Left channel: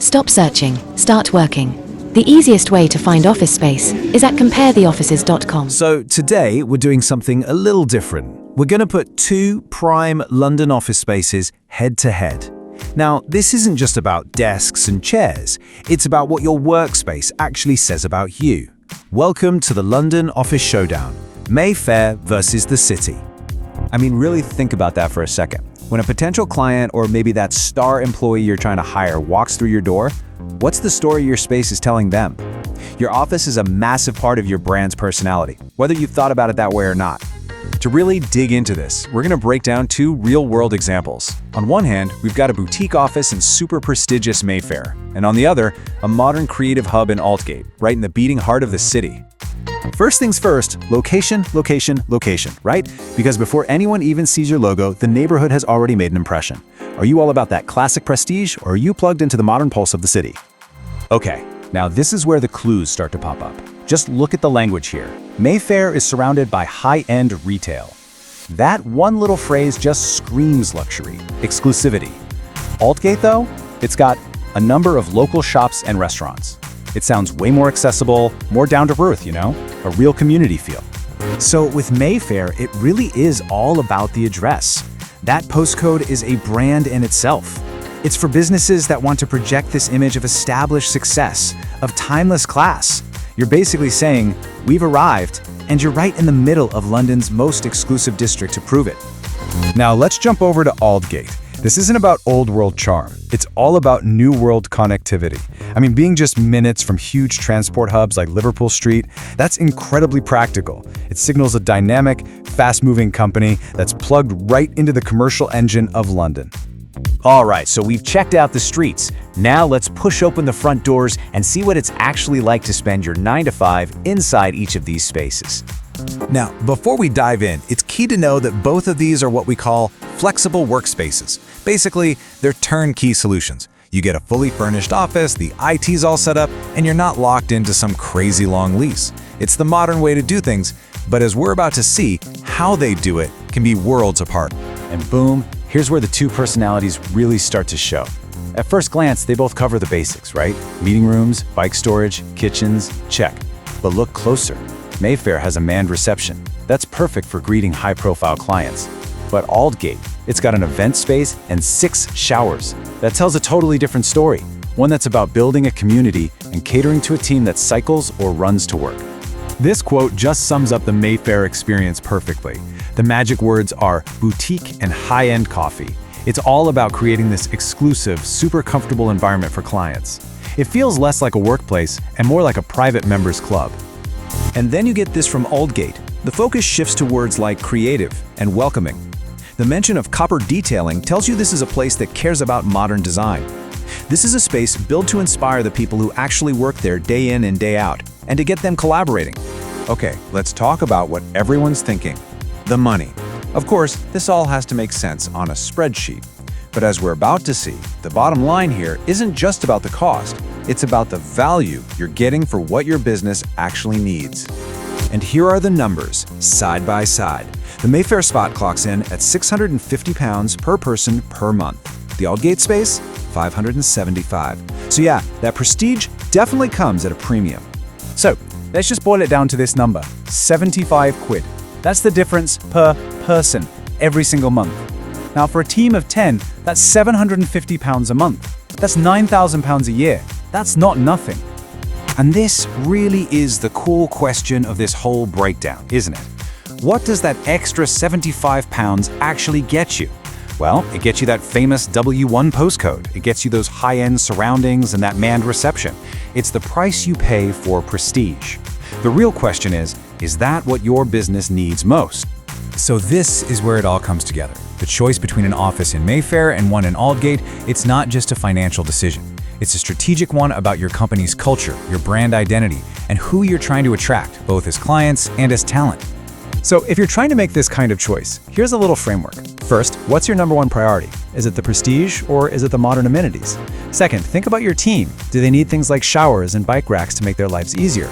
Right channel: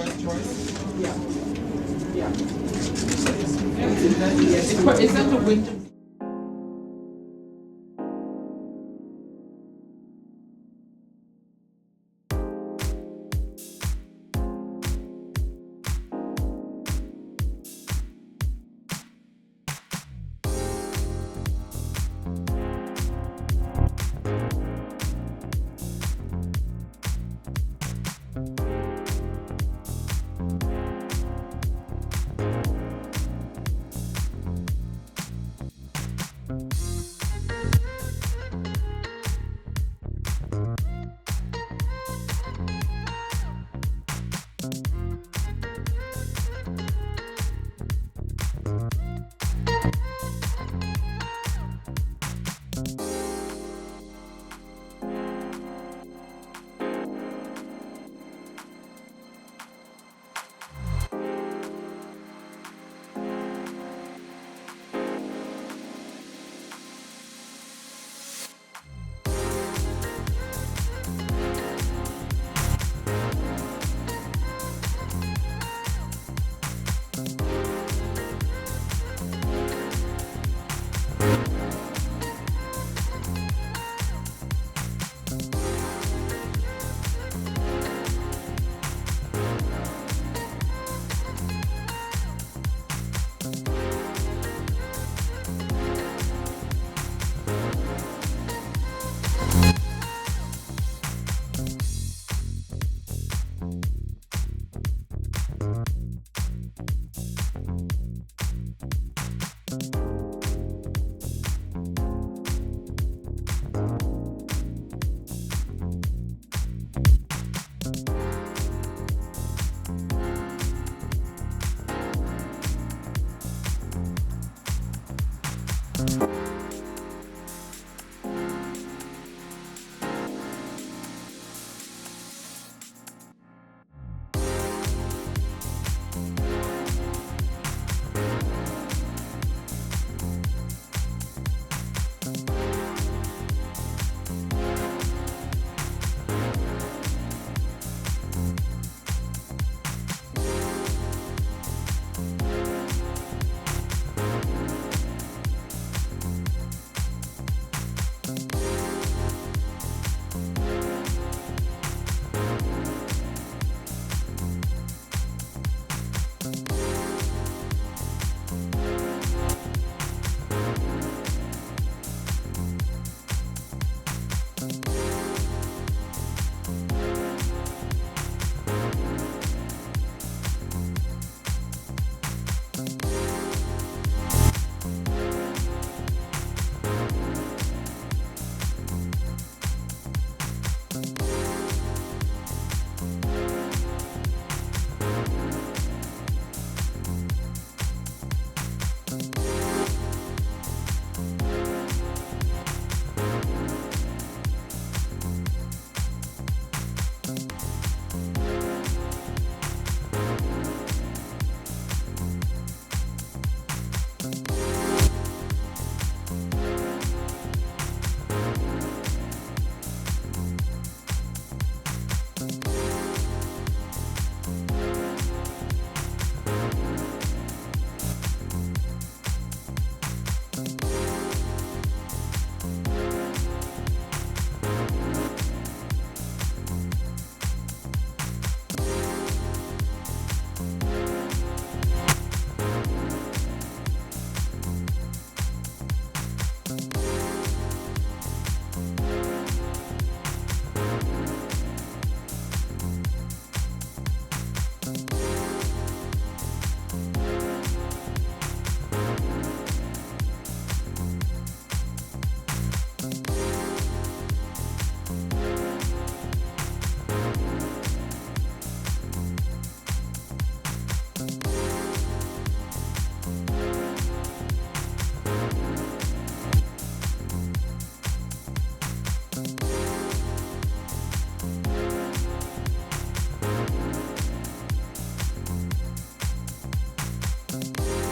Stop searching, start working. The easiest way to find office space is at comparetheoffices.com. So today we're doing something a little different. We're going to put two prime London office spaces head to head. Now, this isn't just about desks and chairs. It's about what your workspace actually says about you. Welcome to the London Office Showdown, Mayfair versus the city. I mean, really think about that for a second. When a potential client or maybe that star employee you're trying to hire walks through your door, what's the story your space is telling them? Your office is a massive part of your brand's personality, whether you've thought about it that way or not. To really dig into this, we're going to break down two real-world examples. On one hand, we've got a boutique office in super prestigious Mayfair, and on the other, a modern creative hub in Aldgate, right in the beating heart of the city. First things first, location, location, location, right? Because before anyone even sees your logo, the neighborhood has already made an impression. Are you all about that classic prestige, or are you plugged into the modern pulse of the city? Okay, now this is where the clues start to pop up. Just look at the language here. Mayfair is surrounded by high-end retail. That one little phrase just screams luxury, exclusivity. Aldgate, though, it's got a number of local shops and restaurants. It sounds way more accessible, more down-to-earth, a real community feel. So with Mayfair, it really is all about the address. That postcode is a brand in itself. It's for businesses that want to project this image of established success, of timeless class. You're basically saying, we've arrived, and you're right in the middle of London's most exclusive district to prove it. Now let's jump over to Aldgate. This isn't about old world charm. It's all about new world connectivity. I mean, being just minutes from huge transport hubs like Liverpool Street, that's incredibly practical. It signals a dynamic, fast-moving company that's plugged right into the commercial engine of London. All right, so we've checked out the streets. Now let's push open the front doors and see what it's actually like to spend your 9 to 5 inside each of these spaces. Now, before we dive in, it's key to know that both of these are what we call flexible workspaces. Basically, they're turnkey solutions. You get a fully furnished office, the IT's all set up, and you're not locked into some crazy long lease. It's the modern way to do things, but as we're about to see, how they do it can be worlds apart. And boom, here's where the two personalities really start to show. At first glance, they both cover the basics, right? Meeting rooms, bike storage, kitchens, check. But look closer. Mayfair has a manned reception. That's perfect for greeting high-profile clients. But Aldgate, it's got an event space and 6 showers. That tells a totally different story, one that's about building a community and catering to a team that cycles or runs to work. This quote just sums up the Mayfair experience perfectly. The magic words are boutique and high-end coffee. It's all about creating this exclusive, super comfortable environment for clients. It feels less like a workplace and more like a private members club. And then you get this from Aldgate. The focus shifts to words like creative and welcoming. The mention of copper detailing tells you this is a place that cares about modern design. This is a space built to inspire the people who actually work there day in and day out, and to get them collaborating. Okay, let's talk about what everyone's thinking. The money. Of course, this all has to make sense on a spreadsheet. But as we're about to see, the bottom line here isn't just about the cost. It's about the value you're getting for what your business actually needs. And here are the numbers, side by side. The Mayfair spot clocks in at £650 per person per month. The Aldgate space, $575. So yeah, that prestige definitely comes at a premium. So let's just boil it down to this number, 75 quid. That's the difference per person every single month. Now for a team of 10, that's £750 a month. That's £9,000 a year. That's not nothing. And this really is the cool question of this whole breakdown, isn't it? What does that extra £75 actually get you? Well, it gets you that famous W1 postcode. It gets you those high-end surroundings and that manned reception. It's the price you pay for prestige. The real question is that what your business needs most? So this is where it all comes together. The choice between an office in Mayfair and one in Aldgate, it's not just a financial decision. It's a strategic one about your company's culture, your brand identity, and who you're trying to attract, both as clients and as talent. So if you're trying to make this kind of choice, here's a little framework. First, what's your number one priority? Is it the prestige or is it the modern amenities? Second, think about your team. Do they need things like showers and bike racks to make their lives easier?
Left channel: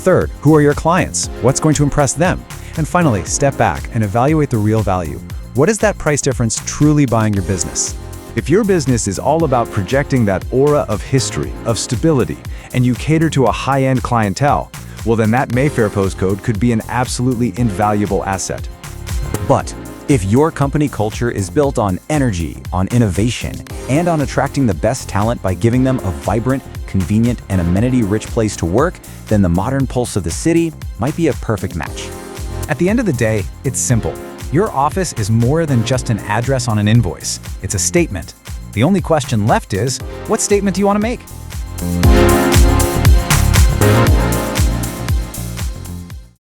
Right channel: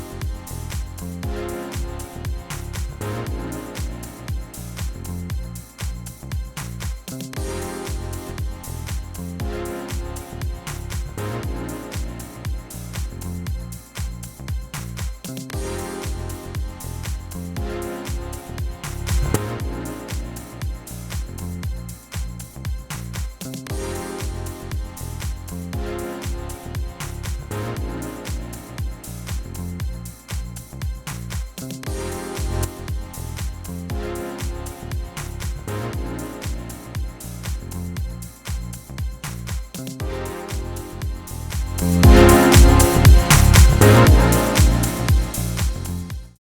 Third, who are your clients? What's going to impress them? And finally, step back and evaluate the real value. What is that price difference truly buying your business? If your business is all about projecting that aura of history, of stability, and you cater to a high-end clientele, well then that Mayfair postcode could be an absolutely invaluable asset. But if your company culture is built on energy, on innovation, and on attracting the best talent by giving them a vibrant, convenient, and amenity-rich place to work, then the modern pulse of the city might be a perfect match. At the end of the day, it's simple. Your office is more than just an address on an invoice. It's a statement. The only question left is, what statement do you want to make?